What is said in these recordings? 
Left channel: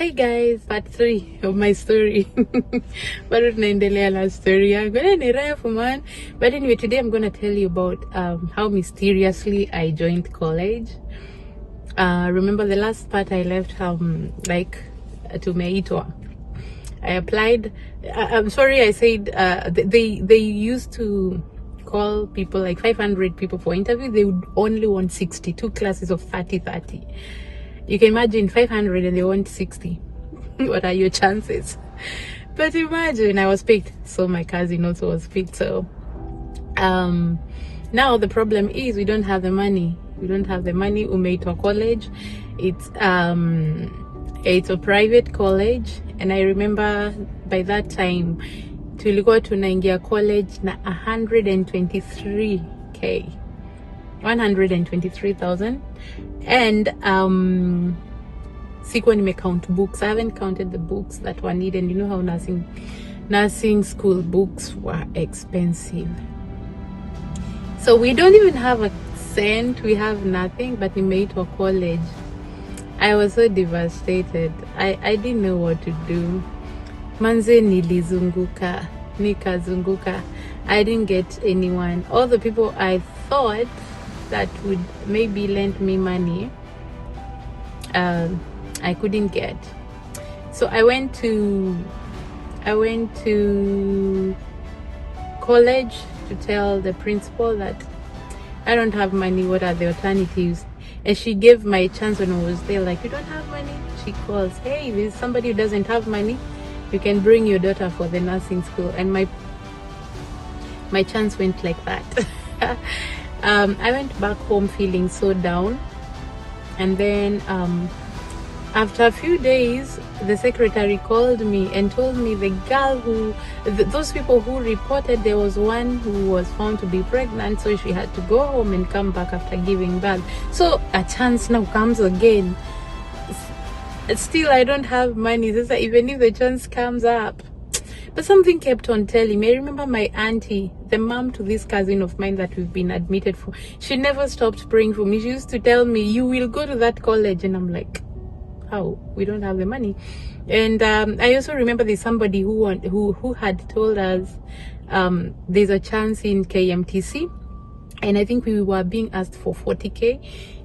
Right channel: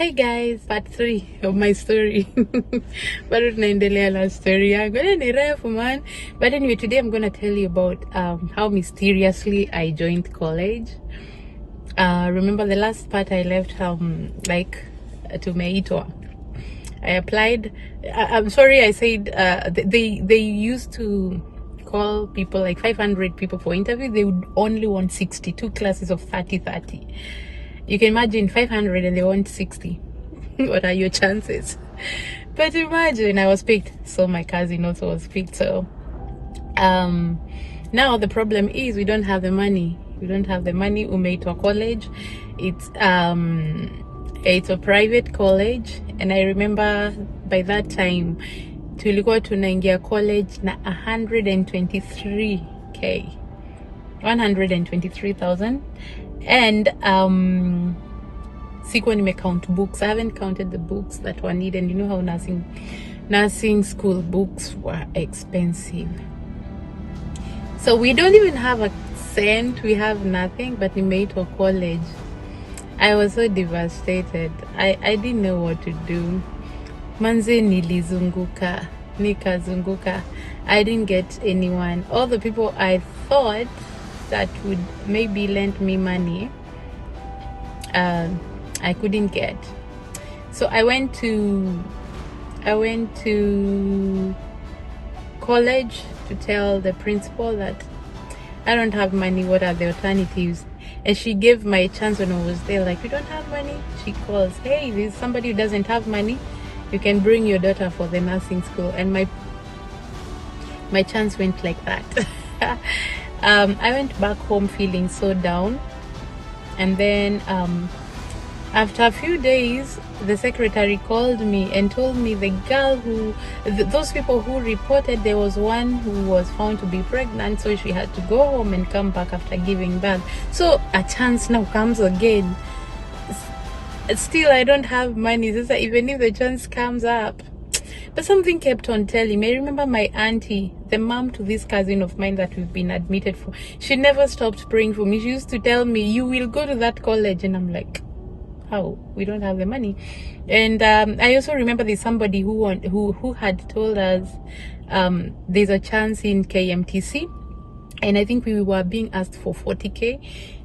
Hey guys, part 3 of my story. Bado tunaendelea na story yangu. Ni refu man. But anyway, today I'm going to tell you about how mysteriously I joined college. Remember the last part I left tumeitwa. I applied. I'm sorry I said they used to call people like 500 people for interview. They would only want 62 classes of 30. You can imagine 500 and they want 60. What are your chances? But imagine I was picked, so my cousin also was picked. So now the problem is we don't have the money. We don't have the money. Umeitwa college. It's a private college, and I remember by that time tulikuwa tunaingia college na 123k, 123,000. And sikuwa nimecount books. I haven't counted the books that were needed. You know how nursing school books were expensive. So we don't even have a cent. We have nothing. But we made for college. I was so devastated. I didn't know what to do. Manze nilizunguka, nikazunguka. I didn't get anyone. All the people I thought that would maybe lend me money, I couldn't get. So I went to college to tell the principal that I don't have money. What are the alternatives? And she gave my chance when I was there. Like, you don't have money? She calls, hey, there's somebody who doesn't have money. You can bring your daughter for the nursing school. And my chance went like that. I went back home feeling so down, and then after a few days the secretary called me and told me the girl those people who reported, there was one who was found to be pregnant, so she had to go home and come back after giving birth. So a chance now comes again. Still I don't have money. So even if the chance comes up, but something kept on telling me. I remember my auntie, the mom to this cousin of mine that we've been admitted for, she never stopped praying for me. She used to tell me, you will go to that college. And I'm like, how? We don't have the money. And I also remember there's somebody who had told us there's a chance in KMTC. And I think we were being asked for 40k.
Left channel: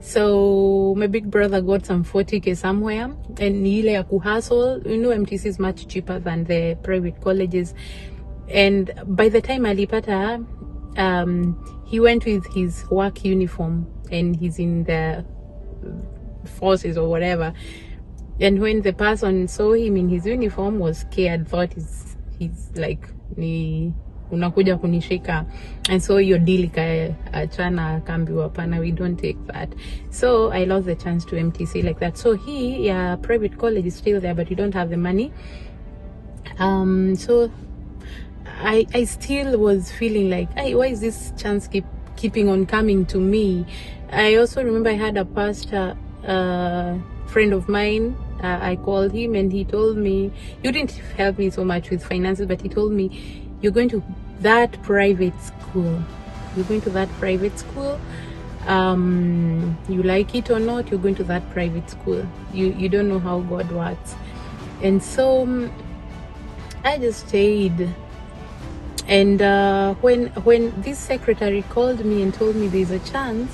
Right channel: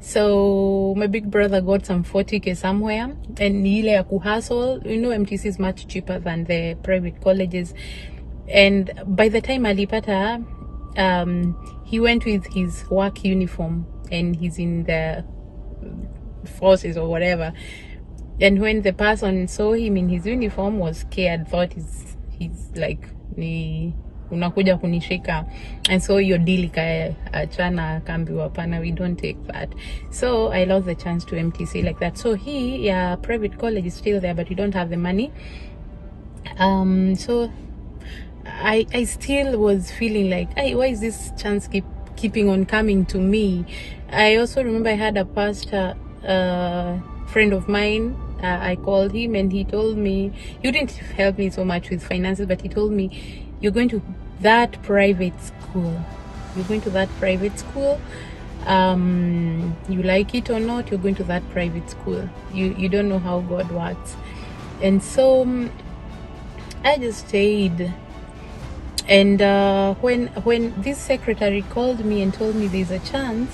So my big brother got some 40k somewhere, and ile ya kuhustle, you know, MTC is much cheaper than the private colleges. And by the time alipata, he went with his work uniform, and he's in the forces or whatever. And when the person saw him in his uniform, was scared, thought he's like ni unakuja kunishika, and so your deal chana kambiwa pana, we don't take that. So I lost the chance to MTC like that. So private college is still there, but you don't have the money. So I still was feeling like, hey, why is this chance keeping on coming to me? I also remember I had a pastor friend of mine. I called him and he told me, you didn't help me so much with finances, but he told me, you're going to that private school. You're going to that private school. You like it or not, you're going to that private school. You don't know how God works. And so I just stayed. And when this secretary called me and told me there's a chance,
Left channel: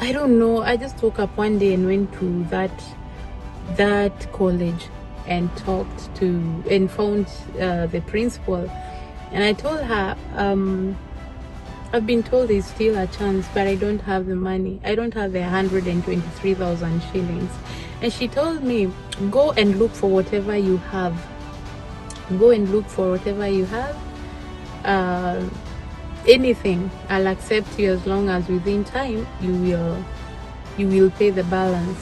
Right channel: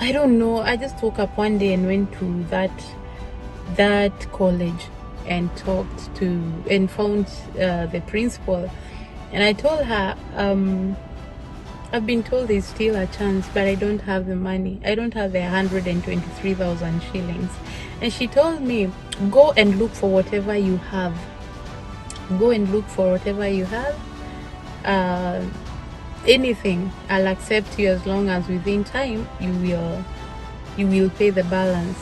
I don't know, I just woke up one day and went to that college and talked to and found the principal, and I told her, I've been told there's still a chance, but I don't have the money. I don't have the 123,000 shillings. And she told me, go and look for whatever you have. Go and look for whatever you have. Anything, I'll accept you as long as within time you will pay the balance.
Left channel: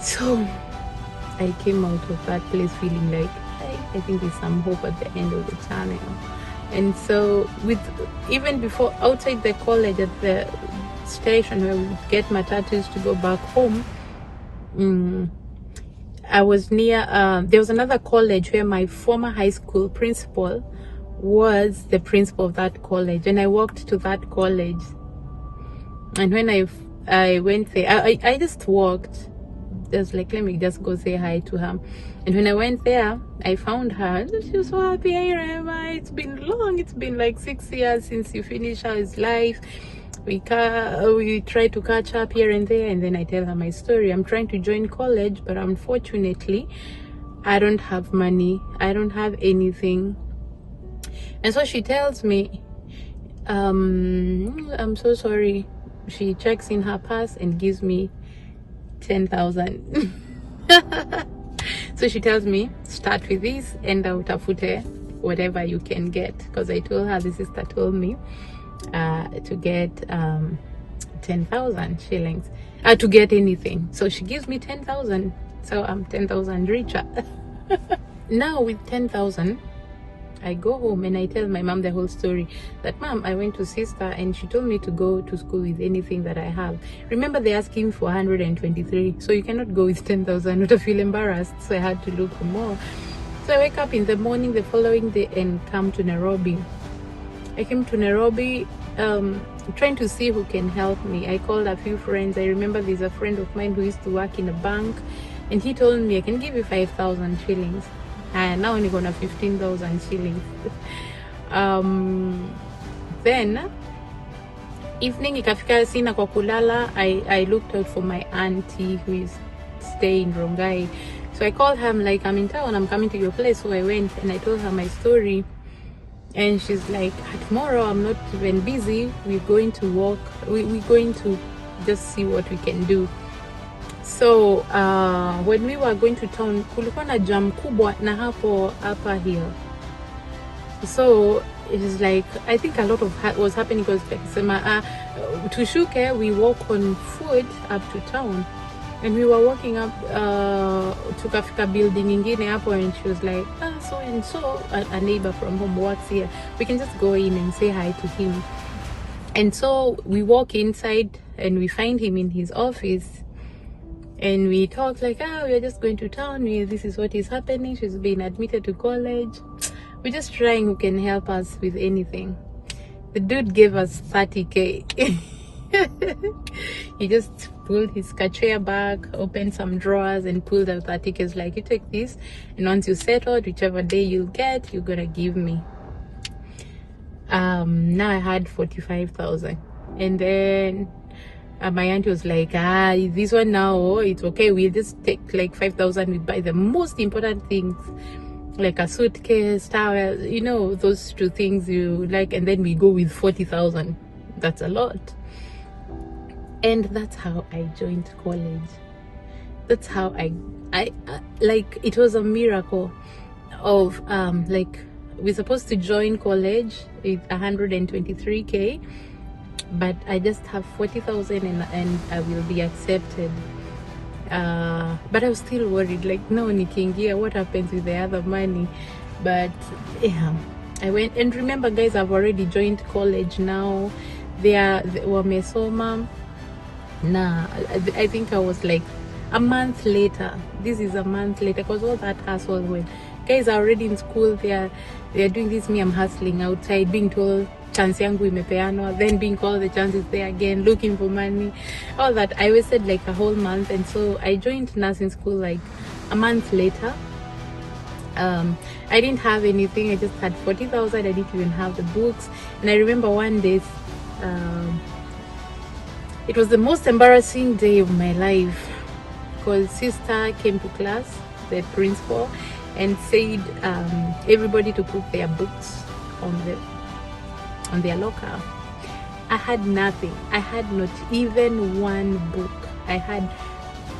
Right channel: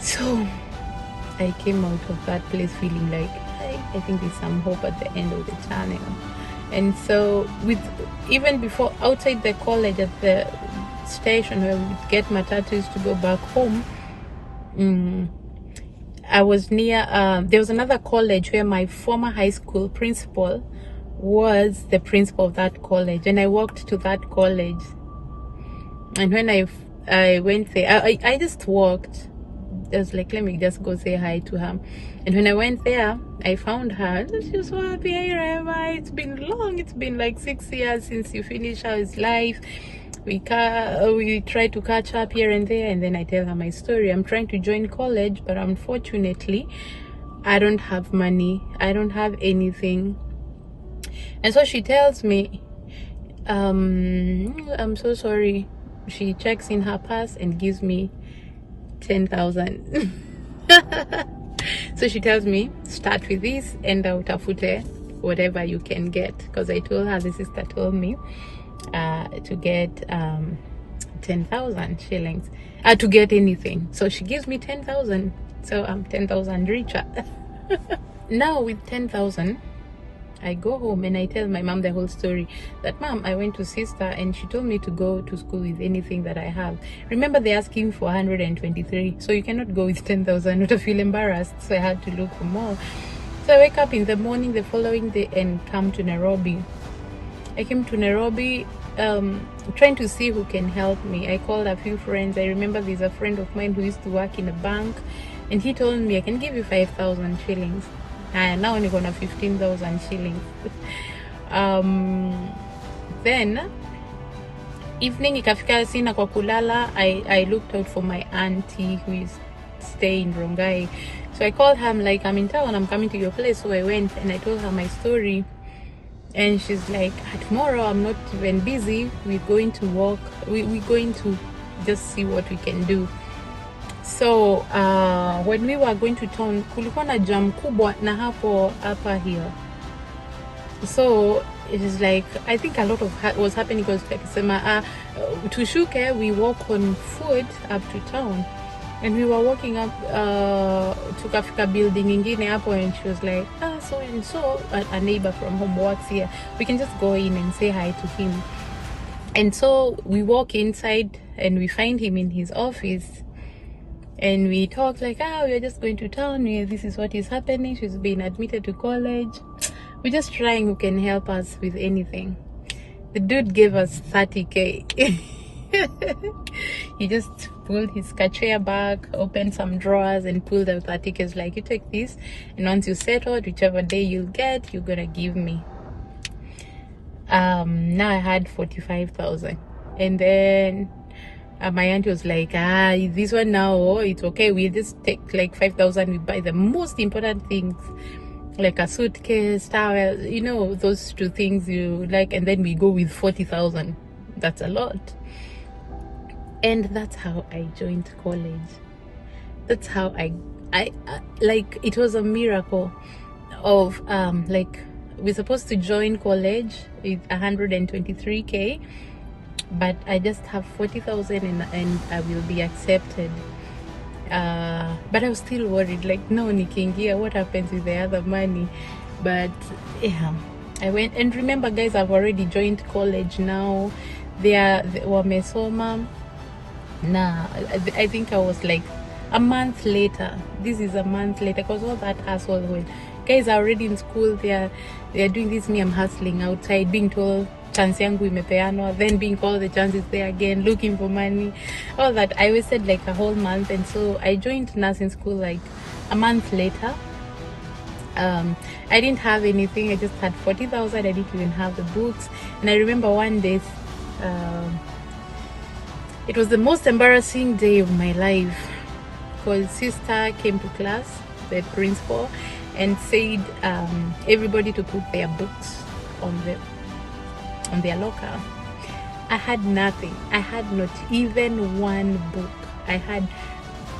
So I came out of that place feeling like I think there's some hope at the end of the tunnel. And so even before, outside the college at the station where we would get matatus to go back home, I was near, there was another college where my former high school principal was the principal of that college, and I walked to that college. And when I went there, I just walked I was like, let me just go say hi to her. And when I went there, I found her. She was so happy. Hey, Rehema, it's been long. It's been like 6 years since you finished How's life. We try to catch up here and there, and then I tell her my story. I'm trying to join college, but unfortunately, I don't have money. I don't have anything. And so she tells me, I'm so sorry. She checks in her purse and gives me 10,000. So she tells me, start with this and utafute whatever you can get, because I told her, the sister told me to get 10,000 shillings to get anything. So she gives me 10,000, so I'm 10,000 richer. Now with 10,000, I go home and I tell my mom the whole story, that mom, I went to sister and she told me to go to school with anything that I have. Remember, they're asking for 123, so you cannot go with 10,000 to feel embarrassed. So I had to look for more. So I wake up in the morning the following day and come to Nairobi. I came to Nairobi trying to see who can help me. I called a few friends. I remember there's a friend of mine who used to work in a bank, and he told me, I can give you 5,000 shillings. And now only gonna 15,000 shillings. Then evening ikafika, sina kwa kulala. I looked out for my auntie who is staying in Rongai. So I called her. I'm like, I'm in town, I'm coming to your place. So I went and I told her my story, and she's like, tomorrow I'm not even busy, we're going to walk, we're going to just see what we can do. So when we were going to town, kulikuwa na jam kubwa na hapo upper hill. So it is like, I think a lot of was happening, because like tushuke, we walk on foot up to town, and we were walking up tukafika building ingine hapo, and she was like, so and so a neighbor from home works here, we can just go in and say hi to him. And so we walk inside and we find him in his office. And we talk like, we're just going to town. This is what is happening. She's been admitted to college. We're just trying who can help us with anything. The dude gave us 30K. He just pulled his kachea bag, opened some drawers, and pulled out 30K. It's like, you take this, and once you settle, whichever day you'll get, you're gonna give me. Now I had 45,000, and then my auntie was like, this one now, it's okay, we'll just take like 5,000, we buy the most important things, like a suitcase, towel, you know, those two things you like, and then we go with 40,000. That's a lot. And that's how I joined college. That's how I like, it was a miracle of like, we're supposed to join college with 123K, but I just have 40,000 and I will be accepted. But I was still worried, like, no, nikiingia, what happens with the other money? But yeah, I went. And remember, guys, I've already joined college now. They were mesoma. Nah, I think I was like a month later. This is a month later, because all that hassle, when guys are already in school, they're doing this, me, I'm hustling outside, being told chance yangu imepeanwa, then being called the chances there again, looking for money, all that. I wasted like a whole month. And so I joined nursing school like a month later. I didn't have anything. I just had 40,000. I didn't even have the books. And I remember one day, it was the most embarrassing day of my life, because sister came to class, the principal, and said everybody to put their books on their locker. I had nothing. I had not even one book. I had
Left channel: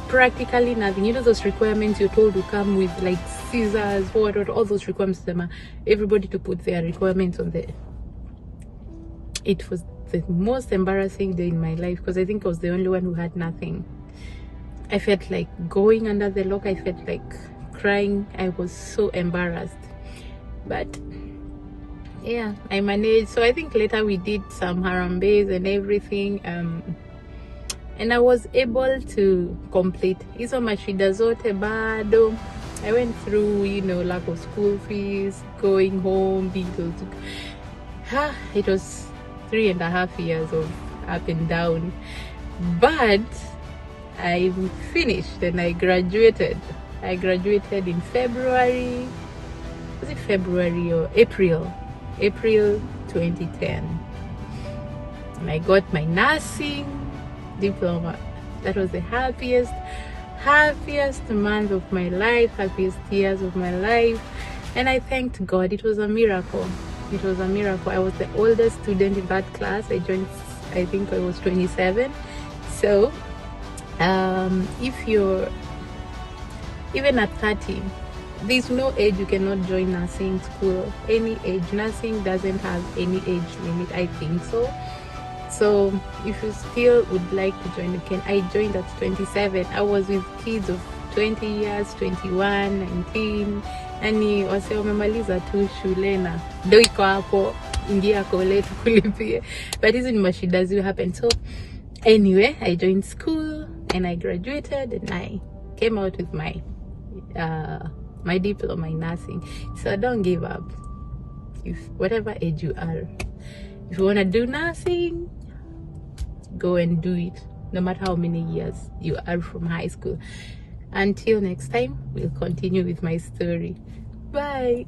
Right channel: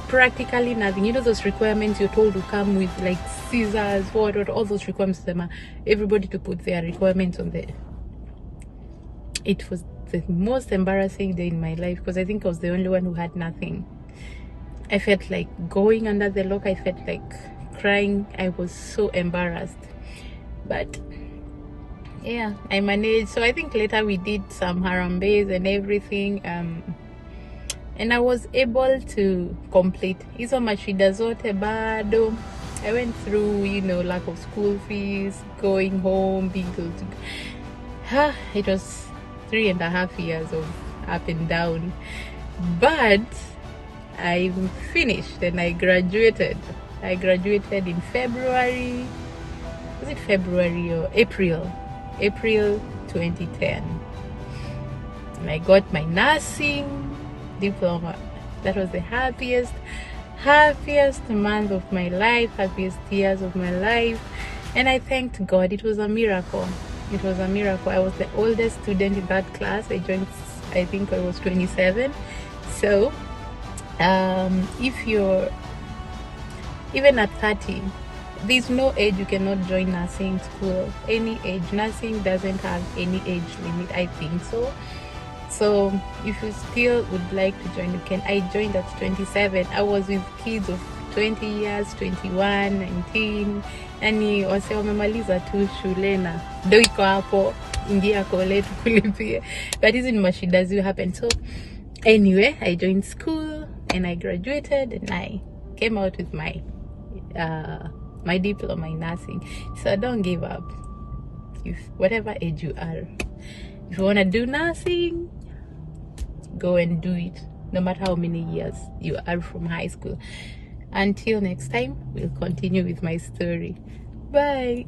practically nothing. You know those requirements you're told to come with, like scissors, what, all those requirements. Everybody to put their requirements on there. It was the most embarrassing day in my life, because I think I was the only one who had nothing. I felt like going under the locker. I felt like crying. I was so embarrassed. But yeah, I managed. So I think later we did some harambes and everything, and I was able to complete hizo mashida zote bado. I went through, you know, lack of school fees, going home, being told to it was 3.5 years of up and down. But I'm finished and I graduated. I graduated in February. Was it February or April? April 2010. And I got my nursing diploma. That was the happiest month of my life, happiest years of my life. And I thanked God. It was a miracle. It was a miracle. I was the oldest student in that class. I joined, I think I was 27. So if you're even at 30, there's no age you cannot join nursing school. Any age. Nursing doesn't have any age limit, I think so. So if you still would like to join, you can. I joined at 27. I was with kids of 20 years, 21, 19. Yani wase wamemaliza tu shule na ndo iko hapo, ingia kole tukulipie. But hizi ni mashida zi happen. So anyway, I joined school and I graduated and I came out with my my diploma in nursing. So don't give up. If whatever age you are, if you want to do nursing, go and do it, no matter how many years you are from high school. Until next time, we'll continue with my story. Bye.